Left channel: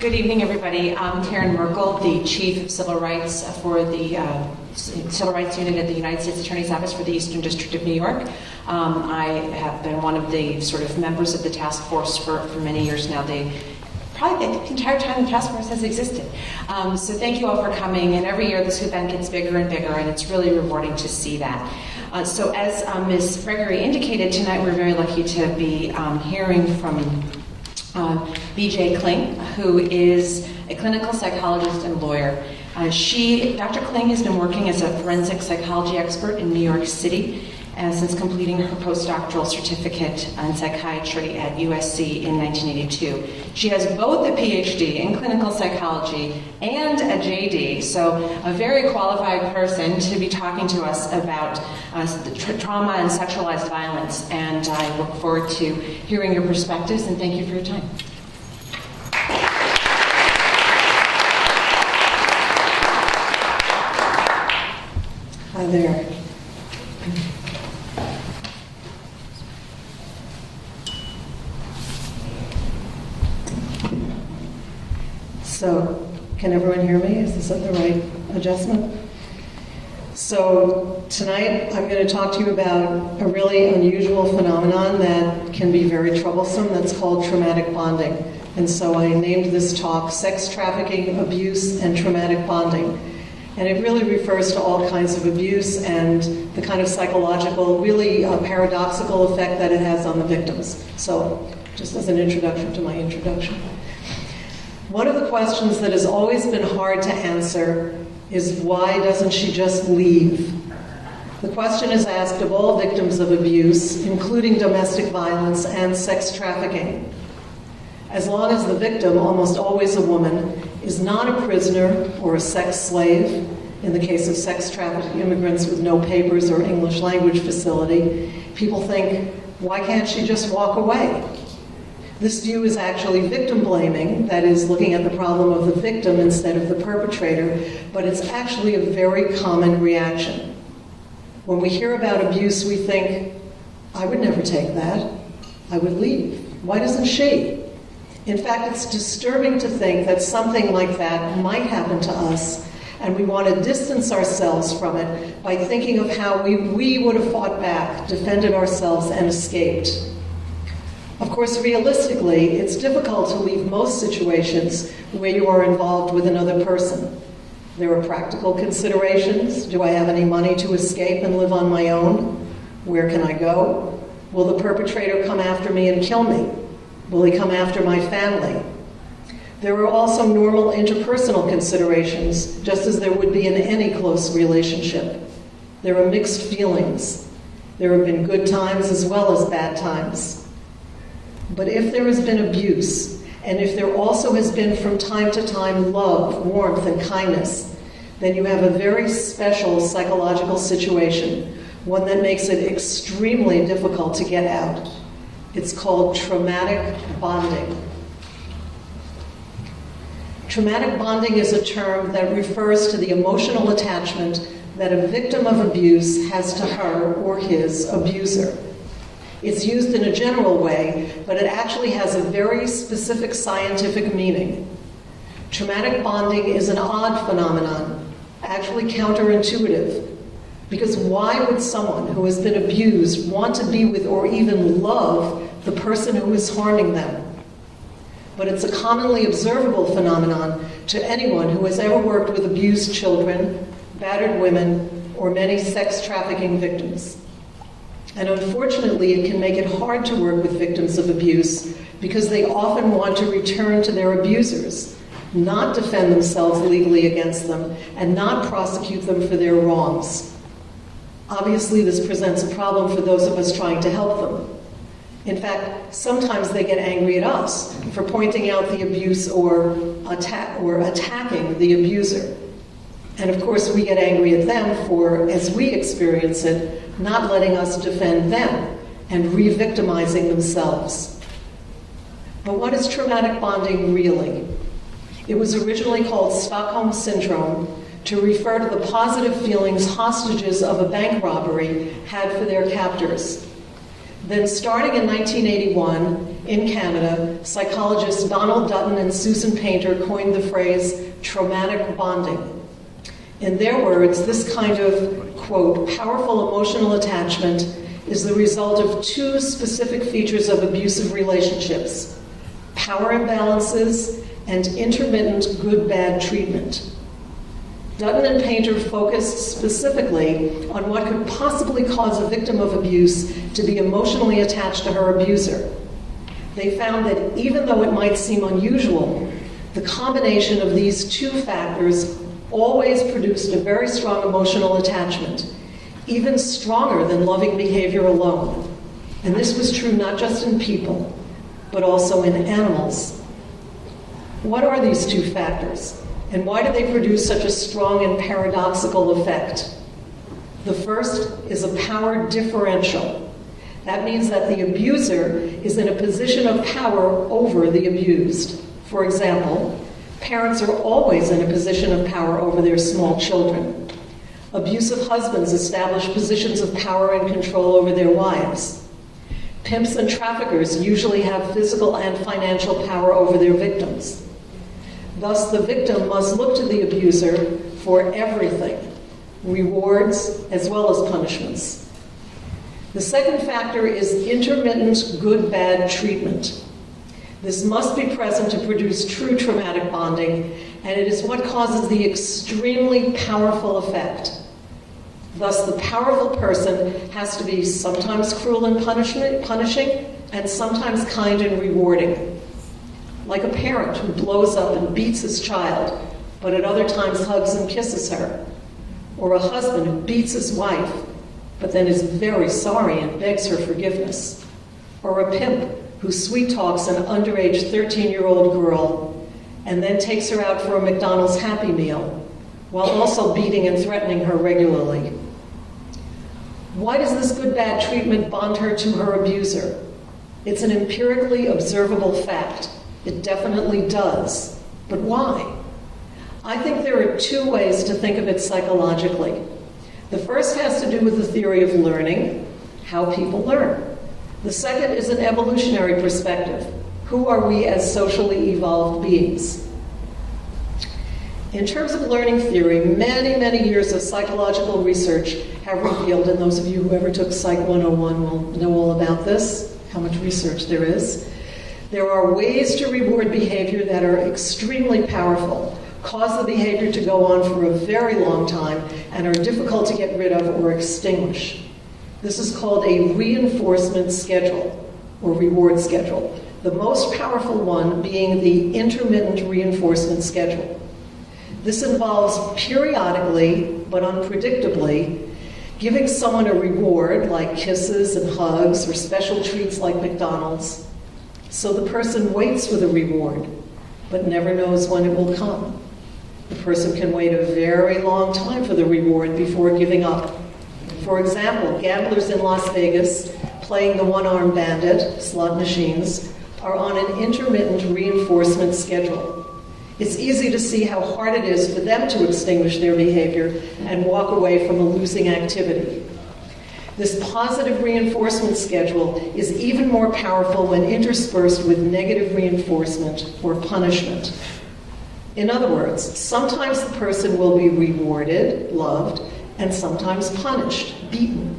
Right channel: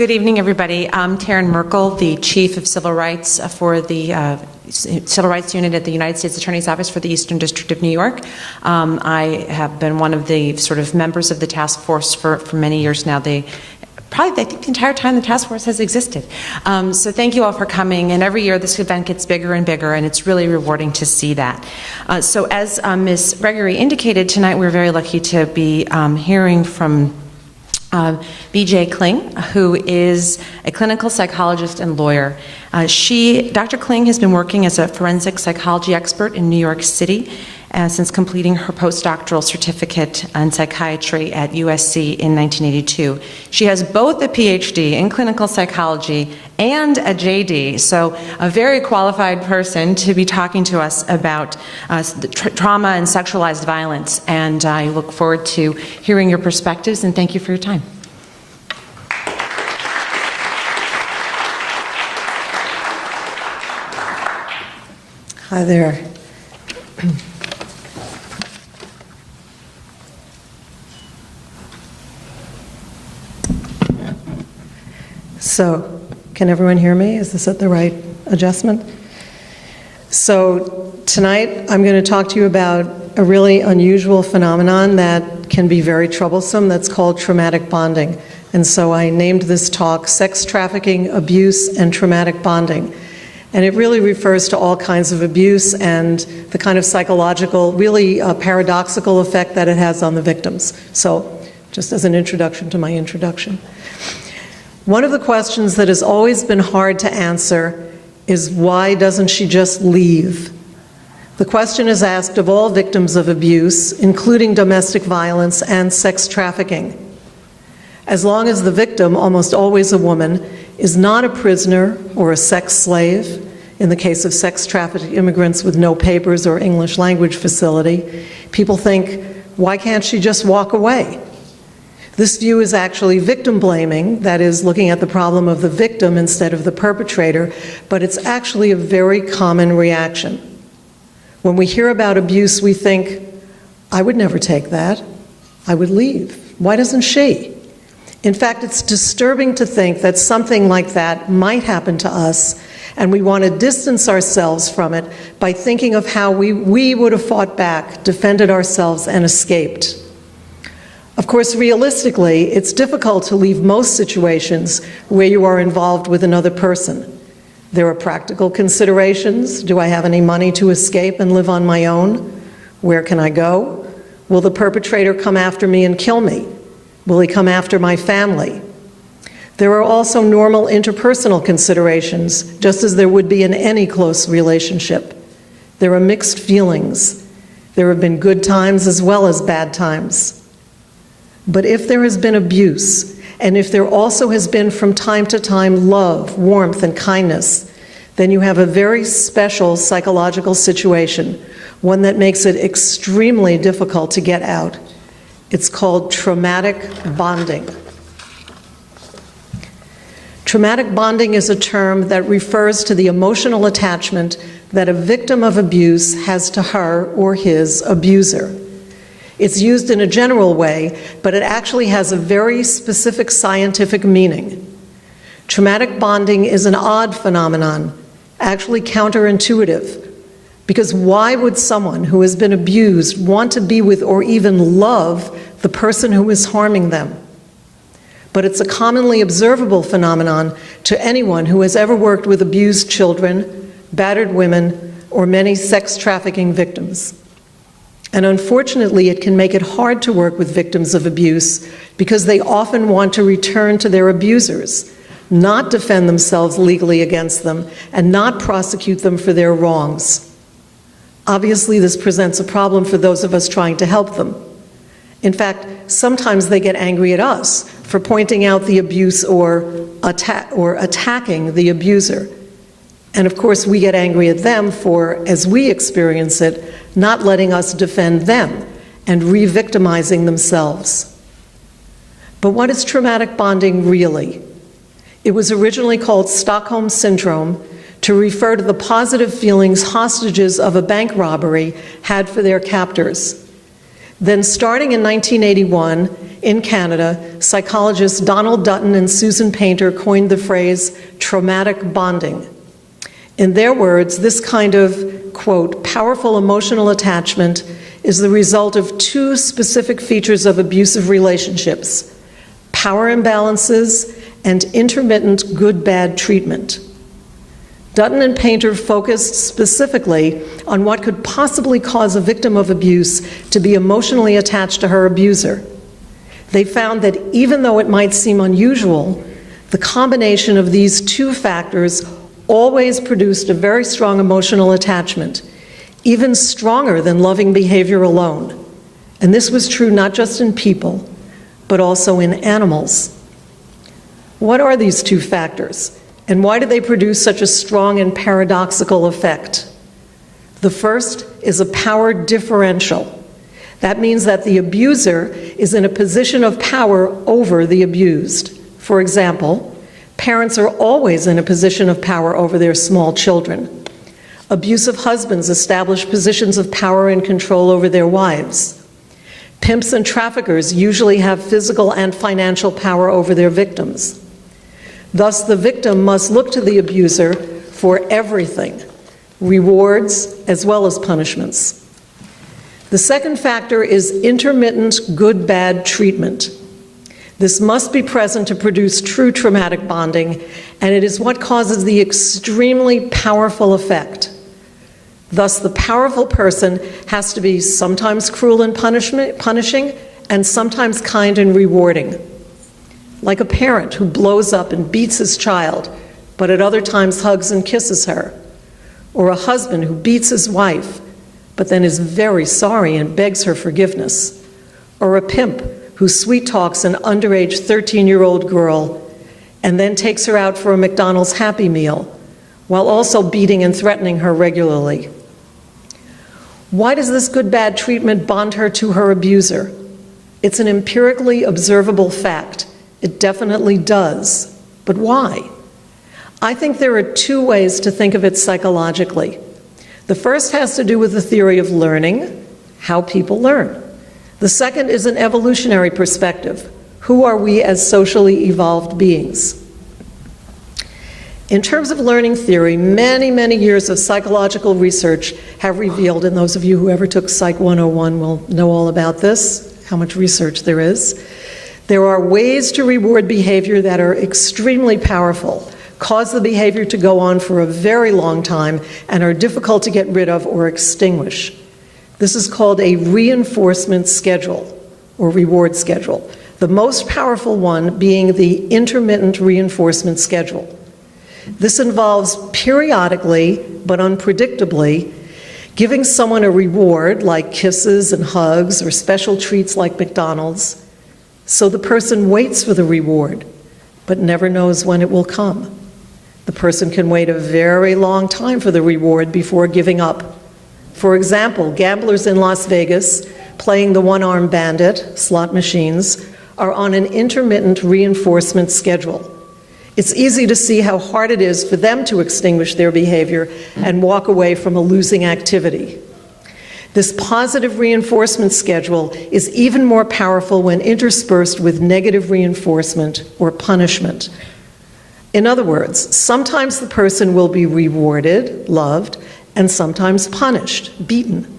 Good evening, everybody. I'm Taryn Merkel, the Chief of Civil Rights for the Civil Rights Unit at the United States Attorney's Office for the Eastern District of New York. I have been one of the sort of members of the task force for many years now. Probably the entire time the task force has existed. So thank you all for coming, and every year this event gets bigger and bigger, and it's really rewarding to see that. So as Ms. Gregory indicated, tonight we're very lucky to be hearing from B.J. Kling, who is a clinical psychologist and lawyer. Dr. Kling has been working as a forensic psychology expert in New York City since completing her postdoctoral certificate in psychiatry at USC in 1982. She has both a PhD in clinical psychology and a JD, so a very qualified person to be talking to us about trauma and sexualized violence. And I look forward to hearing your perspectives, and thank you for your time. Hi there. So, can everyone hear me? Is this at the right adjustment? So, tonight I'm going to talk to you about a really unusual phenomenon that can be very troublesome that's called traumatic bonding. And so I named this talk Sex Trafficking, Abuse, and Traumatic Bonding. And it really refers to all kinds of abuse and the kind of psychological, really paradoxical effect that it has on the victims. So, just as an introduction to my introduction. One of the questions that has always been hard to answer is, why doesn't she just leave? The question is asked of all victims of abuse, including domestic violence and sex trafficking. As long as the victim, almost always a woman, is not a prisoner or a sex slave, in the case of sex trafficked immigrants with no papers or English language facility, people think, why can't she just walk away? This view is actually victim blaming, that is, looking at the problem of the victim instead of the perpetrator, but it's actually a very common reaction. When we hear about abuse, we think, I would never take that. I would leave. Why doesn't she? In fact, it's disturbing to think that something like that might happen to us, and we want to distance ourselves from it by thinking of how we would have fought back, defended ourselves, and escaped. Of course, realistically, it's difficult to leave most situations where you are involved with another person. There are practical considerations. Do I have any money to escape and live on my own? Where can I go? Will the perpetrator come after me and kill me? Will he come after my family? There are also normal interpersonal considerations, just as there would be in any close relationship. There are mixed feelings. There have been good times as well as bad times. But if there has been abuse, and if there also has been from time to time love, warmth, and kindness, then you have a very special psychological situation, one that makes it extremely difficult to get out. It's called traumatic bonding. Traumatic bonding is a term that refers to the emotional attachment that a victim of abuse has to her or his abuser. It's used in a general way, but it actually has a very specific scientific meaning. Traumatic bonding is an odd phenomenon, actually counterintuitive, because why would someone who has been abused want to be with or even love the person who is harming them? But it's a commonly observable phenomenon to anyone who has ever worked with abused children, battered women, or many sex trafficking victims. And unfortunately, it can make it hard to work with victims of abuse because they often want to return to their abusers, not defend themselves legally against them, and not prosecute them for their wrongs. Obviously, this presents a problem for those of us trying to help them. In fact, sometimes they get angry at us for pointing out the abuse or attacking the abuser. And of course, we get angry at them for, as we experience it, not letting us defend them and re-victimizing themselves. But what is traumatic bonding really? It was originally called Stockholm Syndrome to refer to the positive feelings hostages of a bank robbery had for their captors. Then starting in 1981, in Canada, psychologists Donald Dutton and Susan Painter coined the phrase traumatic bonding. In their words, this kind of, quote, powerful emotional attachment is the result of two specific features of abusive relationships: power imbalances and intermittent good-bad treatment. Dutton and Painter focused specifically on what could possibly cause a victim of abuse to be emotionally attached to her abuser. They found that even though it might seem unusual, the combination of these two factors always produced a very strong emotional attachment, even stronger than loving behavior alone. And this was true not just in people, but also in animals. What are these two factors, and why do they produce such a strong and paradoxical effect? The first is a power differential. That means that the abuser is in a position of power over the abused. For example, parents are always in a position of power over their small children. Abusive husbands establish positions of power and control over their wives. Pimps and traffickers usually have physical and financial power over their victims. Thus, the victim must look to the abuser for everything, rewards as well as punishments. The second factor is intermittent good-bad treatment. This must be present to produce true traumatic bonding, and it is what causes the extremely powerful effect. Thus, the powerful person has to be sometimes cruel and punishing, and sometimes kind and rewarding. Like a parent who blows up and beats his child, but at other times hugs and kisses her. Or a husband who beats his wife, but then is very sorry and begs her forgiveness. Or a pimp who sweet talks an underage 13-year-old girl and then takes her out for a McDonald's Happy Meal, while also beating and threatening her regularly. Why does this good-bad treatment bond her to her abuser? It's an empirically observable fact. It definitely does. But why? I think there are two ways to think of it psychologically. The first has to do with the theory of learning, how people learn. The second is an evolutionary perspective. Who are we as socially evolved beings? In terms of learning theory, many, many years of psychological research have revealed, and those of you who ever took Psych 101 will know all about this, how much research there is. There are ways to reward behavior that are extremely powerful, cause the behavior to go on for a very long time, and are difficult to get rid of or extinguish. This is called a reinforcement schedule, or reward schedule, the most powerful one being the intermittent reinforcement schedule. This involves periodically, but unpredictably, giving someone a reward like kisses and hugs or special treats like McDonald's, so the person waits for the reward, but never knows when it will come. The person can wait a very long time for the reward before giving up. For example, gamblers in Las Vegas playing the one-armed bandit, slot machines, are on an intermittent reinforcement schedule. It's easy to see how hard it is for them to extinguish their behavior and walk away from a losing activity. This positive reinforcement schedule is even more powerful when interspersed with negative reinforcement or punishment. In other words, sometimes the person will be rewarded, loved, and sometimes punished, beaten.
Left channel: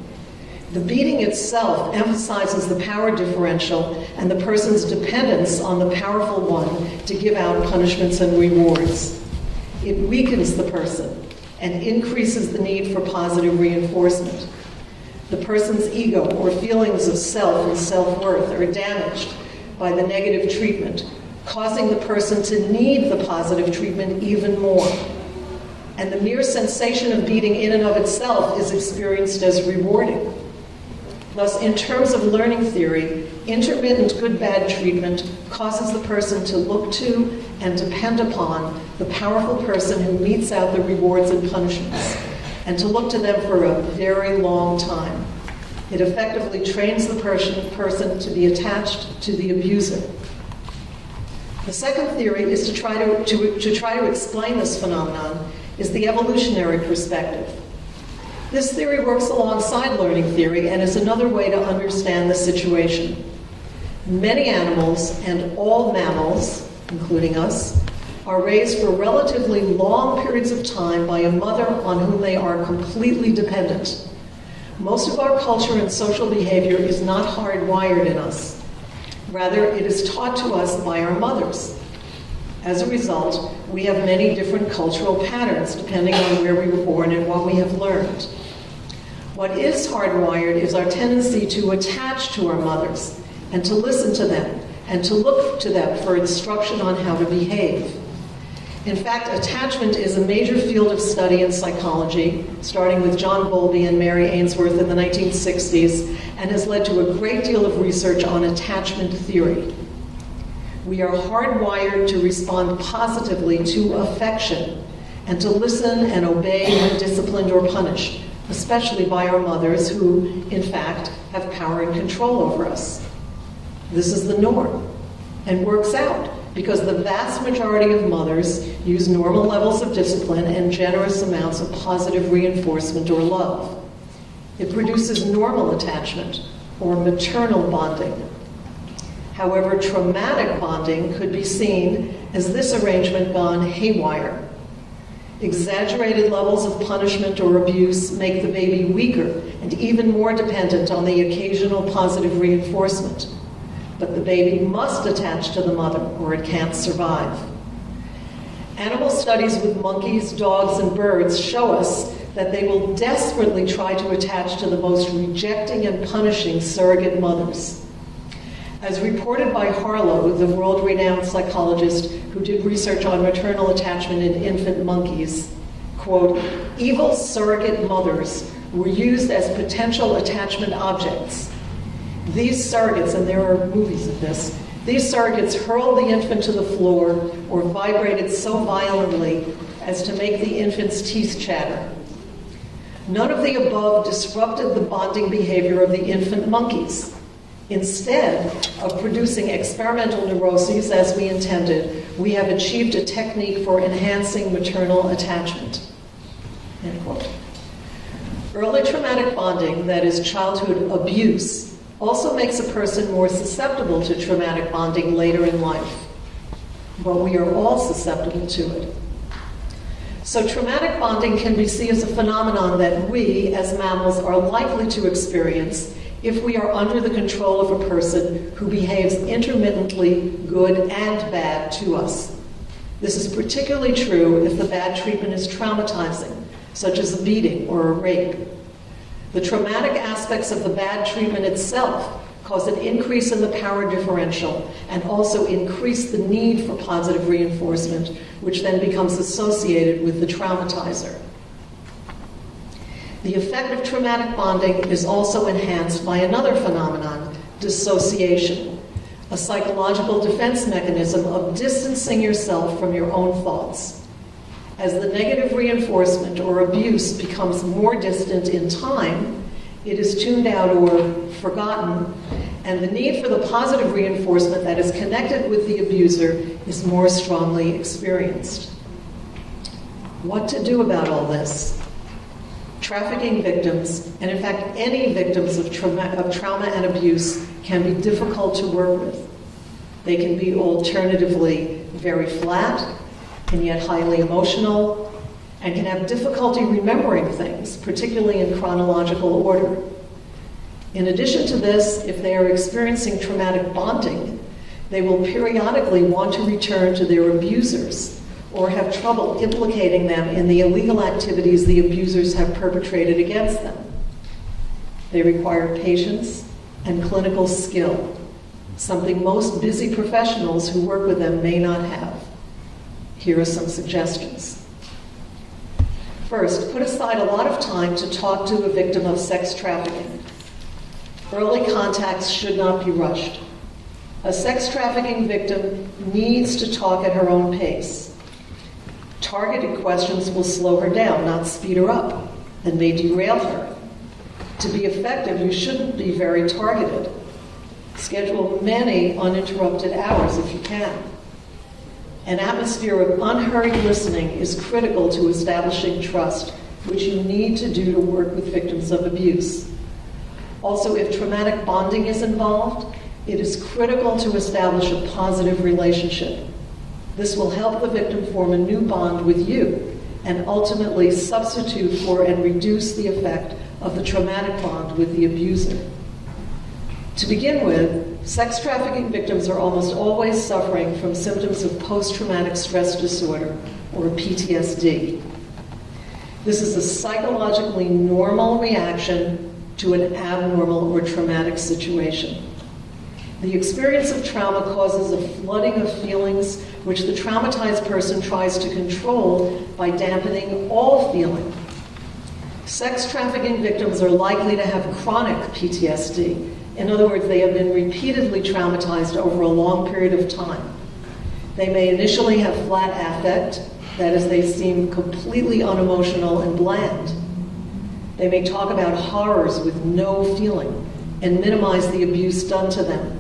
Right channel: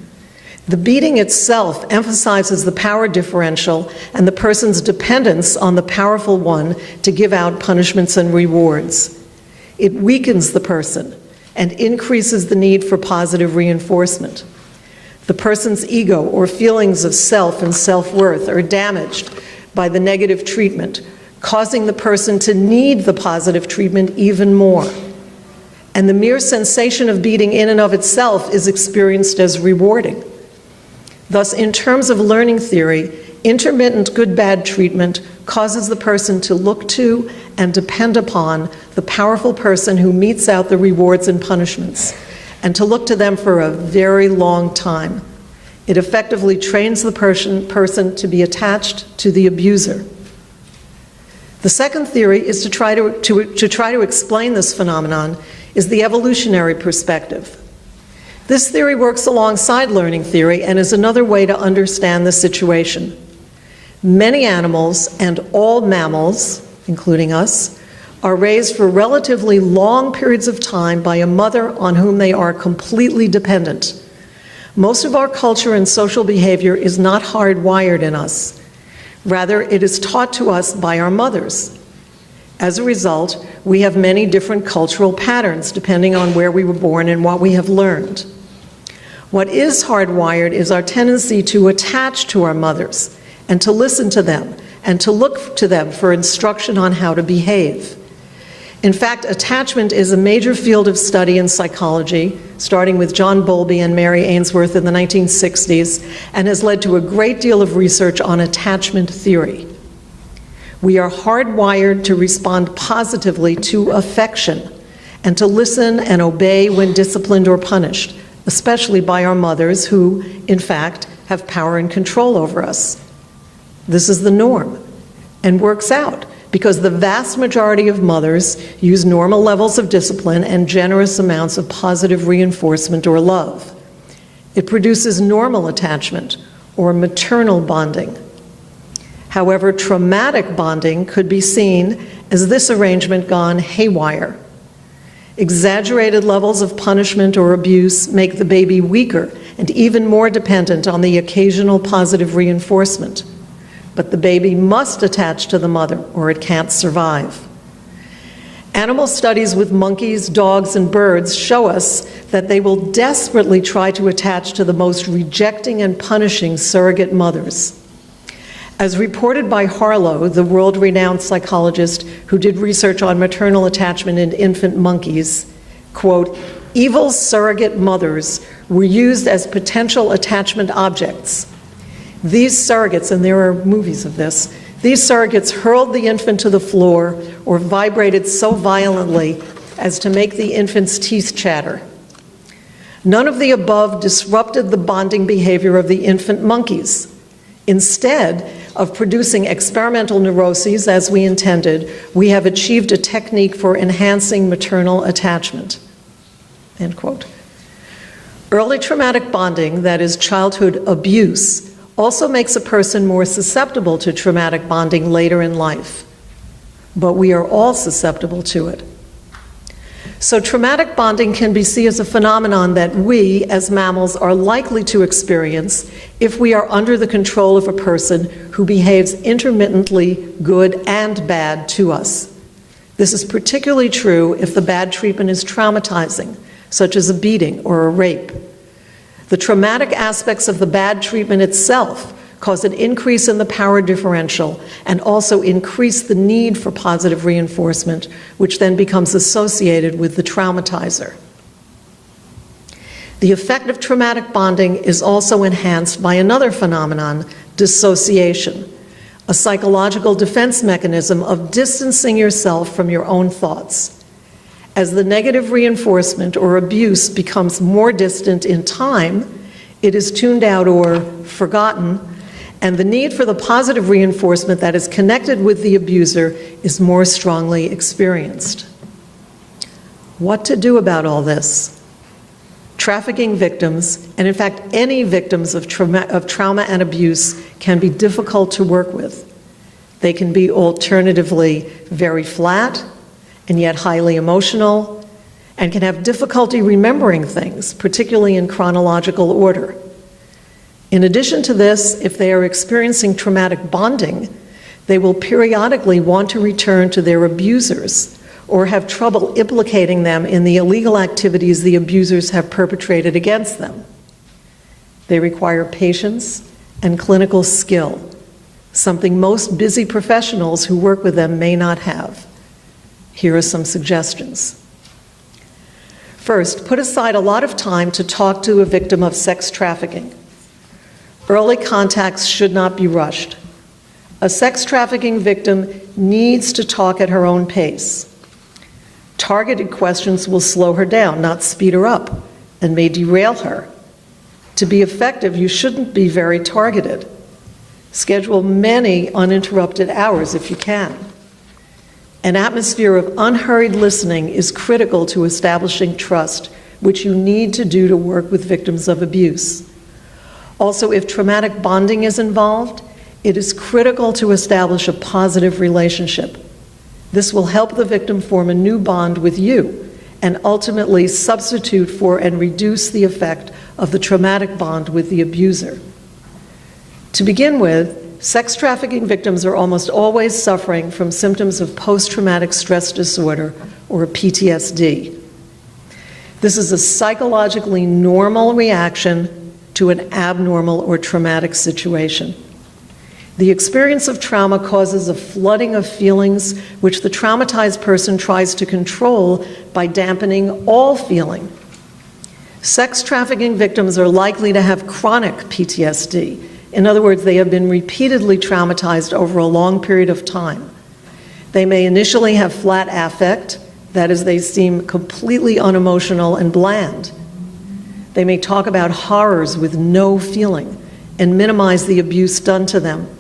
The beating itself emphasizes the power differential and the person's dependence on the powerful one to give out punishments and rewards. It weakens the person and increases the need for positive reinforcement. The person's ego or feelings of self and self-worth are damaged by the negative treatment, causing the person to need the positive treatment even more. And the mere sensation of beating in and of itself is experienced as rewarding. Thus, in terms of learning theory, intermittent good-bad treatment causes the person to look to and depend upon the powerful person who metes out the rewards and punishments, and to look to them for a very long time. It effectively trains the person to be attached to the abuser. The second theory is to try to explain this phenomenon is the evolutionary perspective. This theory works alongside learning theory and is another way to understand the situation. Many animals, and all mammals, including us, are raised for relatively long periods of time by a mother on whom they are completely dependent. Most of our culture and social behavior is not hardwired in us. Rather, it is taught to us by our mothers. As a result, we have many different cultural patterns depending on where we were born and what we have learned. What is hardwired is our tendency to attach to our mothers and to listen to them and to look to them for instruction on how to behave. In fact, attachment is a major field of study in psychology, starting with John Bowlby and Mary Ainsworth in the 1960s, and has led to a great deal of research on attachment theory. We are hardwired to respond positively to affection and to listen and obey when disciplined or punished, especially by our mothers who, in fact, have power and control over us. This is the norm and works out because the vast majority of mothers use normal levels of discipline and generous amounts of positive reinforcement or love. It produces normal attachment or maternal bonding. However, traumatic bonding could be seen as this arrangement gone haywire. Exaggerated levels of punishment or abuse make the baby weaker and even more dependent on the occasional positive reinforcement. But the baby must attach to the mother or it can't survive. Animal studies with monkeys, dogs, and birds show us that they will desperately try to attach to the most rejecting and punishing surrogate mothers. As reported by Harlow, the world-renowned psychologist who did research on maternal attachment in infant monkeys, quote, "Evil surrogate mothers were used as potential attachment objects. These surrogates," and there are movies of this, "these surrogates hurled the infant to the floor or vibrated so violently as to make the infant's teeth chatter. None of the above disrupted the bonding behavior of the infant monkeys. Instead of producing experimental neuroses as we intended, we have achieved a technique for enhancing maternal attachment." End quote. Early traumatic bonding, that is childhood abuse, also makes a person more susceptible to traumatic bonding later in life. But we are all susceptible to it. So traumatic bonding can be seen as a phenomenon that we, as mammals, are likely to experience if we are under the control of a person who behaves intermittently good and bad to us. This is particularly true if the bad treatment is traumatizing, such as a beating or a rape. The traumatic aspects of the bad treatment itself cause an increase in the power differential and also increase the need for positive reinforcement, which then becomes associated with the traumatizer. The effect of traumatic bonding is also enhanced by another phenomenon, dissociation, a psychological defense mechanism of distancing yourself from your own thoughts. As the negative reinforcement or abuse becomes more distant in time, it is tuned out or forgotten, and the need for the positive reinforcement that is connected with the abuser is more strongly experienced. What to do about all this? Trafficking victims, and in fact any victims of trauma and abuse, can be difficult to work with. They can be alternatively very flat and yet highly emotional, and can have difficulty remembering things, particularly in chronological order. In addition to this, if they are experiencing traumatic bonding, they will periodically want to return to their abusers or have trouble implicating them in the illegal activities the abusers have perpetrated against them. They require patience and clinical skill, something most busy professionals who work with them may not have. Here are some suggestions. First, put aside a lot of time to talk to a victim of sex trafficking. Early contacts should not be rushed. A sex trafficking victim needs to talk at her own pace. Targeted questions will slow her down, not speed her up, and may derail her. To be effective, you shouldn't be very targeted. Schedule many uninterrupted hours if you can. An atmosphere of unhurried listening is critical to establishing trust, which you need to do to work with victims of abuse. Also, if traumatic bonding is involved, It is critical to establish a positive relationship. This will help the victim form a new bond with you and ultimately substitute for and reduce the effect of the traumatic bond with the abuser. To begin with, sex trafficking victims are almost always suffering from symptoms of post-traumatic stress disorder, or PTSD. This is a psychologically normal reaction to an abnormal or traumatic situation. The experience of trauma causes a flooding of feelings which the traumatized person tries to control by dampening all feeling. Sex trafficking victims are likely to have chronic PTSD. In other words, they have been repeatedly traumatized over a long period of time. They may initially have flat affect, that is, they seem completely unemotional and bland. They may talk about horrors with no feeling and minimize the abuse done to them.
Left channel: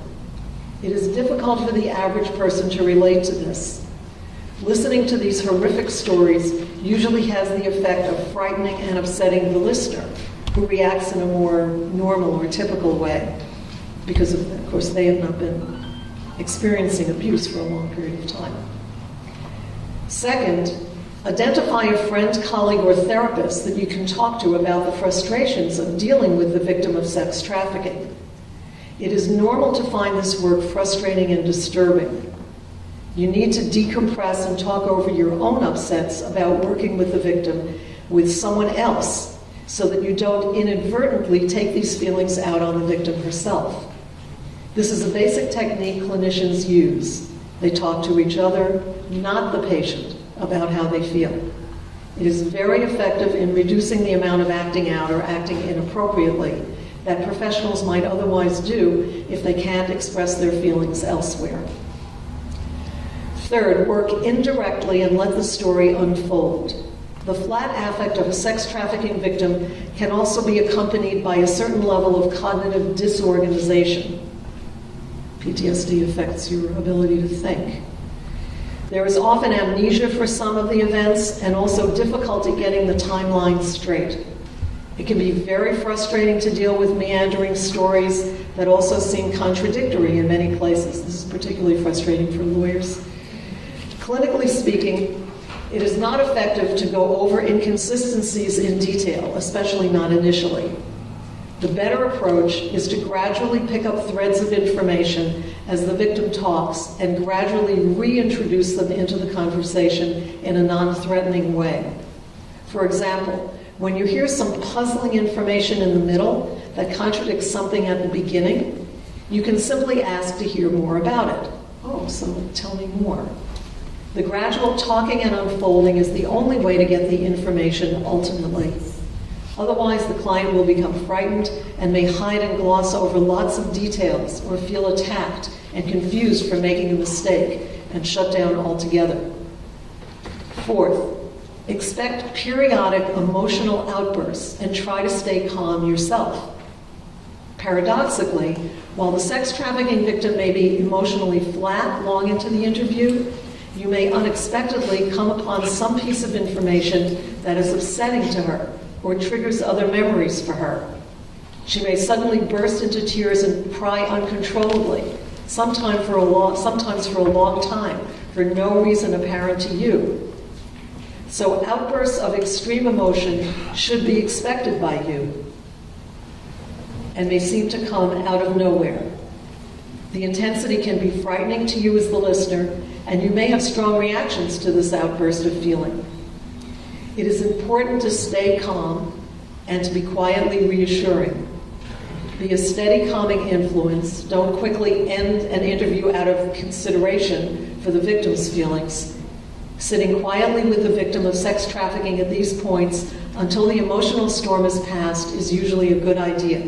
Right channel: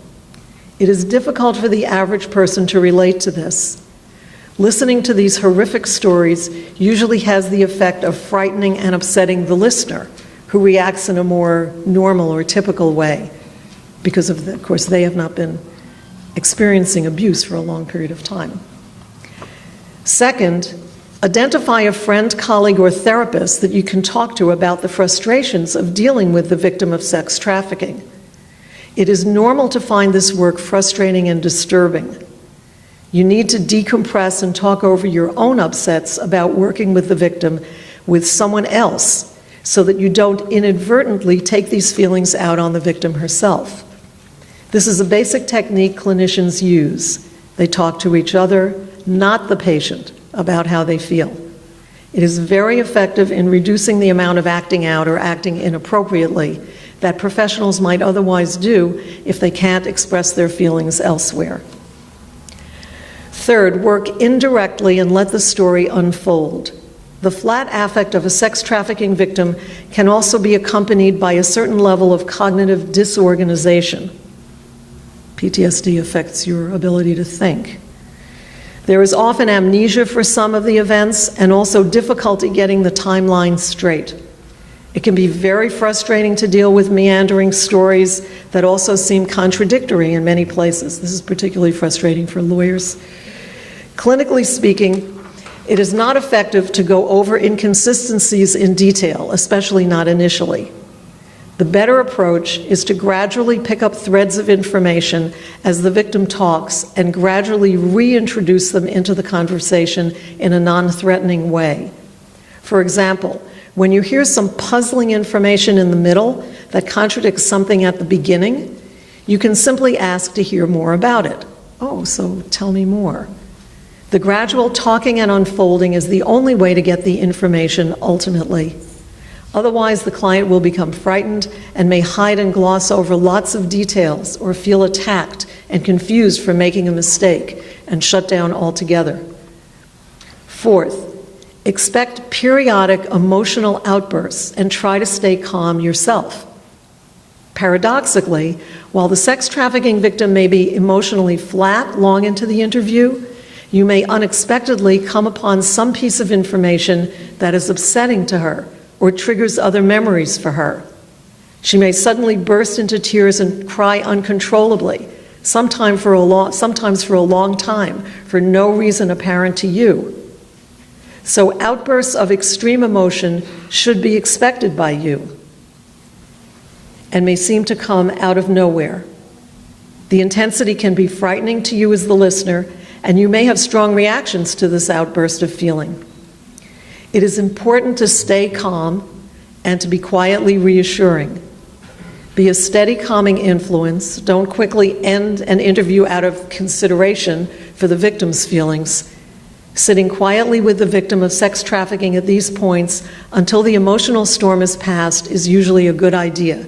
It is difficult for the average person to relate to this. Listening to these horrific stories usually has the effect of frightening and upsetting the listener, who reacts in a more normal or typical way, because of course, they have not been experiencing abuse for a long period of time. Second, identify a friend, colleague, or therapist that you can talk to about the frustrations of dealing with the victim of sex trafficking. It is normal to find this work frustrating and disturbing. You need to decompress and talk over your own upsets about working with the victim with someone else so that you don't inadvertently take these feelings out on the victim herself. This is a basic technique clinicians use. They talk to each other, not the patient, about how they feel. It is very effective in reducing the amount of acting out or acting inappropriately that professionals might otherwise do if they can't express their feelings elsewhere. Third, work indirectly and let the story unfold. The flat affect of a sex trafficking victim can also be accompanied by a certain level of cognitive disorganization. PTSD affects your ability to think. There is often amnesia for some of the events and also difficulty getting the timeline straight. It can be very frustrating to deal with meandering stories that also seem contradictory in many places. This is particularly frustrating for lawyers. Clinically speaking, it is not effective to go over inconsistencies in detail, especially not initially. The better approach is to gradually pick up threads of information as the victim talks and gradually reintroduce them into the conversation in a non-threatening way. For example, when you hear some puzzling information in the middle that contradicts something at the beginning, you can simply ask to hear more about it. Oh, so tell me more. The gradual talking and unfolding is the only way to get the information ultimately. Otherwise, the client will become frightened and may hide and gloss over lots of details or feel attacked and confused for making a mistake and shut down altogether. Fourth, expect periodic emotional outbursts and try to stay calm yourself. Paradoxically, while the sex trafficking victim may be emotionally flat long into the interview, you may unexpectedly come upon some piece of information that is upsetting to her or triggers other memories for her. She may suddenly burst into tears and cry uncontrollably, sometimes for a long time, for no reason apparent to you. So outbursts of extreme emotion should be expected by you and may seem to come out of nowhere. The intensity can be frightening to you as the listener, and you may have strong reactions to this outburst of feeling. It is important to stay calm and to be quietly reassuring. Be a steady, calming influence. Don't quickly end an interview out of consideration for the victim's feelings. Sitting quietly with the victim of sex trafficking at these points until the emotional storm is passed is usually a good idea.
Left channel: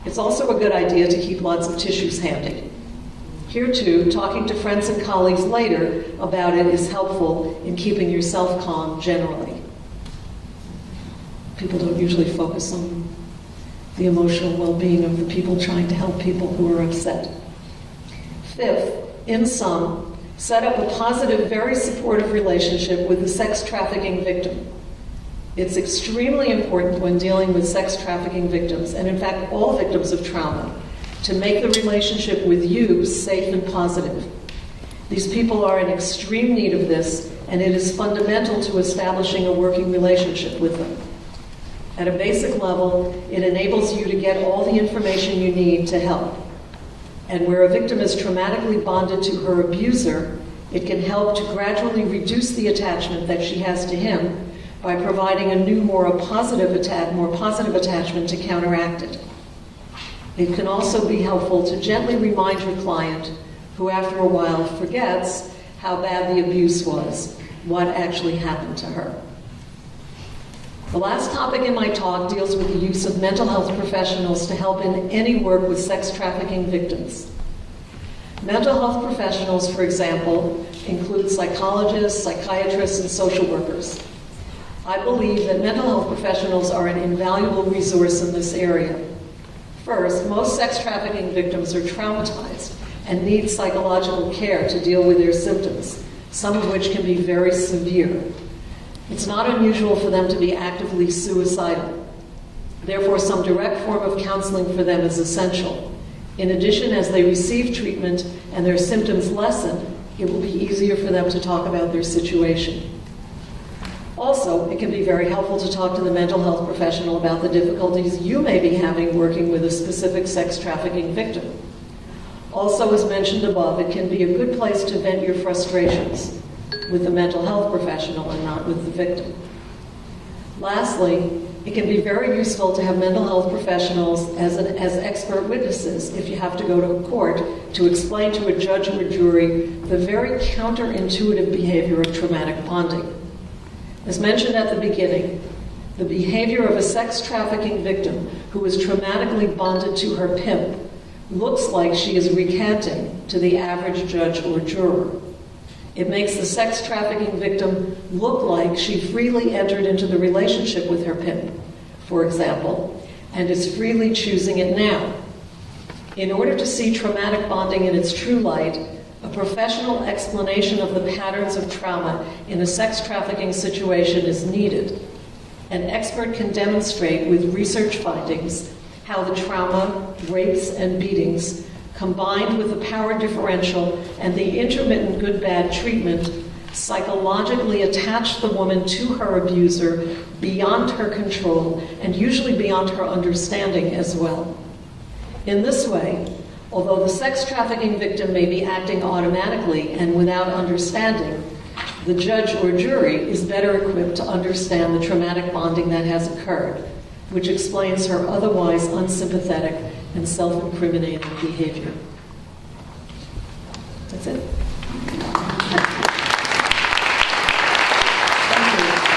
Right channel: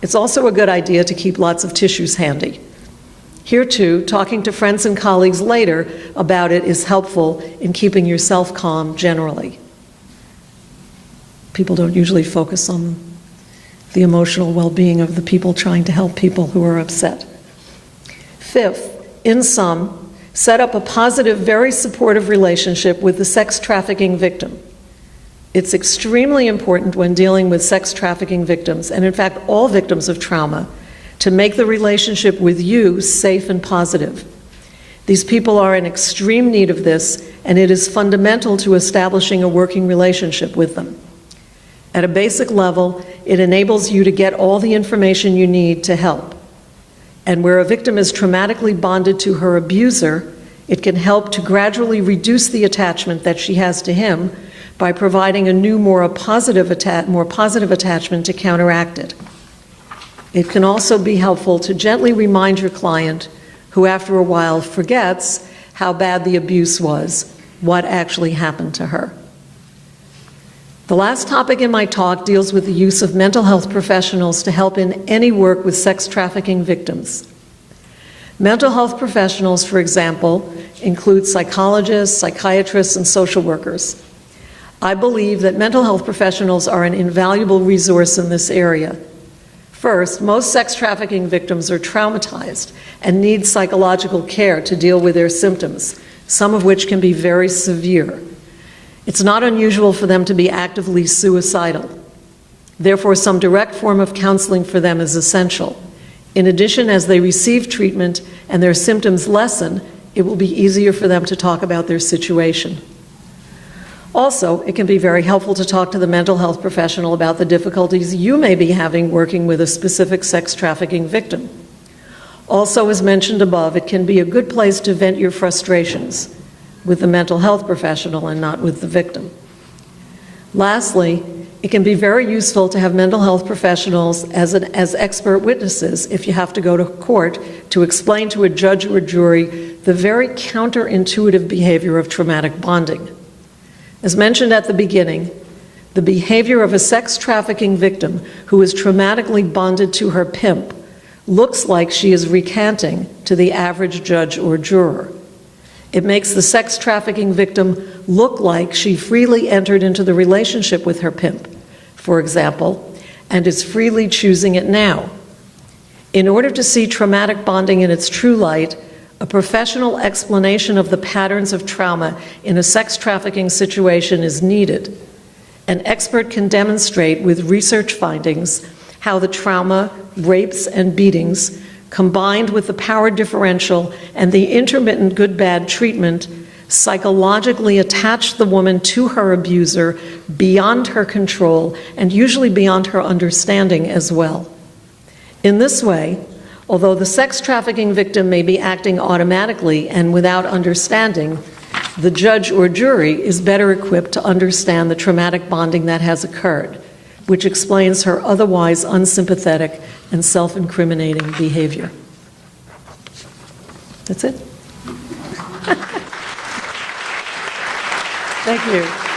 It's also a good idea to keep lots of tissues handy. Here too, talking to friends and colleagues later about it is helpful in keeping yourself calm generally. People don't usually focus on the emotional well-being of the people trying to help people who are upset. Fifth, in sum, set up a positive, very supportive relationship with the sex trafficking victim. It's extremely important when dealing with sex trafficking victims, and in fact all victims of trauma, to make the relationship with you safe and positive. These people are in extreme need of this, and it is fundamental to establishing a working relationship with them. At a basic level, it enables you to get all the information you need to help. And where a victim is traumatically bonded to her abuser, it can help to gradually reduce the attachment that she has to him by providing a new, more positive attachment to counteract it. It can also be helpful to gently remind your client, who after a while forgets how bad the abuse was, what actually happened to her. The last topic in my talk deals with the use of mental health professionals to help in any work with sex trafficking victims. Mental health professionals, for example, include psychologists, psychiatrists, and social workers. I believe that mental health professionals are an invaluable resource in this area. First, most sex trafficking victims are traumatized and need psychological care to deal with their symptoms, some of which can be very severe. It's not unusual for them to be actively suicidal. Therefore, some direct form of counseling for them is essential. In addition, as they receive treatment and their symptoms lessen, it will be easier for them to talk about their situation. Also, it can be very helpful to talk to the mental health professional about the difficulties you may be having working with a specific sex trafficking victim. Also, as mentioned above, it can be a good place to vent your frustrations with the mental health professional and not with the victim. Lastly, it can be very useful to have mental health professionals as expert witnesses if you have to go to court to explain to a judge or jury the very counterintuitive behavior of traumatic bonding. As mentioned at the beginning, the behavior of a sex trafficking victim who is traumatically bonded to her pimp looks like she is recanting to the average judge or juror. It makes the sex trafficking victim look like she freely entered into the relationship with her pimp, for example, and is freely choosing it now. In order to see traumatic bonding in its true light, a professional explanation of the patterns of trauma in a sex trafficking situation is needed. An expert can demonstrate with research findings how the trauma, rapes, and beatings, combined with the power differential and the intermittent good-bad treatment, psychologically attach the woman to her abuser beyond her control and usually beyond her understanding as well. In this way, although the sex trafficking victim may be acting automatically and without understanding, the judge or jury is better equipped to understand the traumatic bonding that has occurred, which explains her otherwise unsympathetic and self-incriminating behavior. That's it. Thank you.